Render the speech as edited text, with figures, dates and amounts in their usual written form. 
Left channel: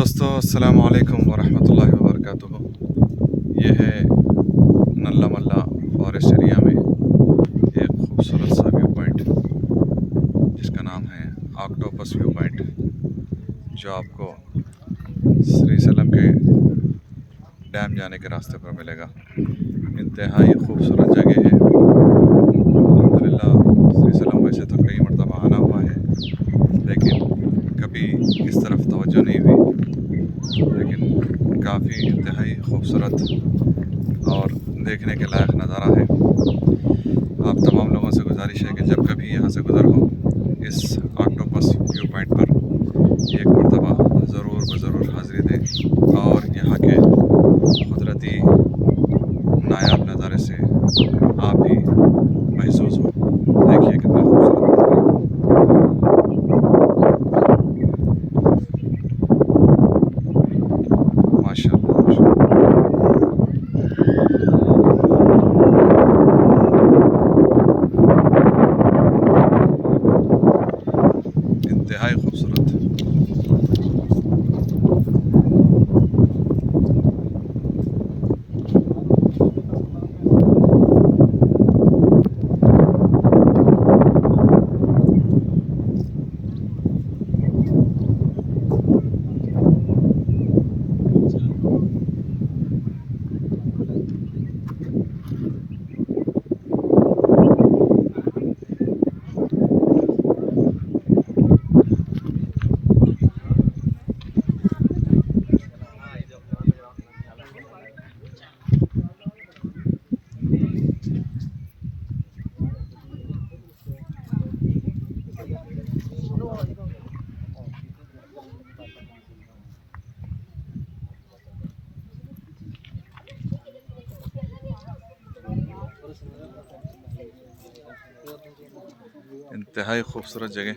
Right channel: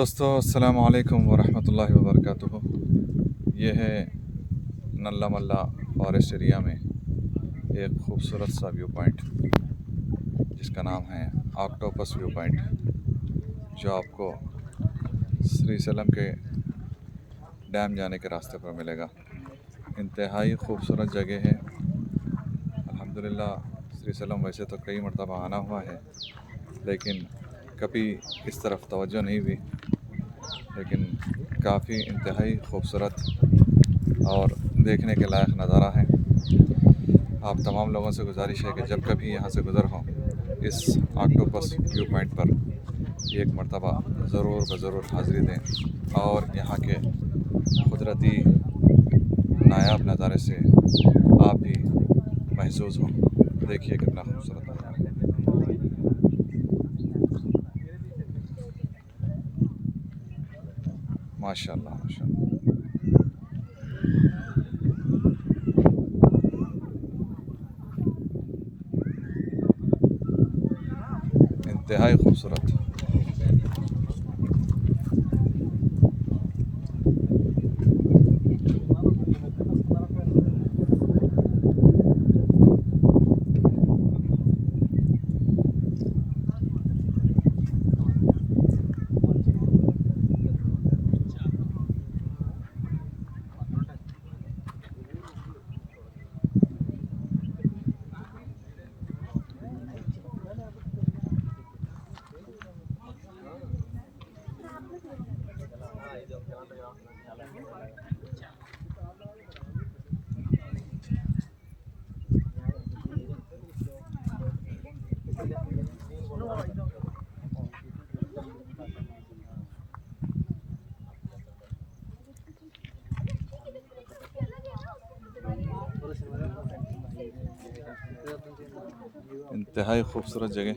दोस्तों अस्सलामु अलैकुम वरहमतुल्लाहि वबरकातुहू। ये है नल्ला मल्ला फॉरेस्ट एरिया में एक खूबसूरत सा व्यू पॉइंट जिसका नाम है ऑक्टोपस व्यू पॉइंट, जो आपको श्रीशैलम के डैम जाने के रास्ते पर मिलेगा। इंतहाई खूबसूरत जगह है। अल्हम्दुलिल्लाह श्रीशैलम वैसे तो कई मरतबा आना हुआ है, लेकिन कभी इस तरफ तवज्जो नहीं हुई। लेकिन काफ़ी इंतहाई खूबसूरत और देखने के लायक नज़ारा है। आप तमाम लोगों से गुजारिश है कि जब कभी यहाँ से गुज़र हो इस ऑक्टोपस व्यू पॉइंट पर एक मरतबा ज़रूर हाज़िरी दें और यहाँ के कुदरती नायाब नज़ारे से आप भी महसूस हो। देखिए कितना खूबसूरत माशाअल्लाह इंतहाई खूबसूरत। इंतहाई खूबसूरत जगह।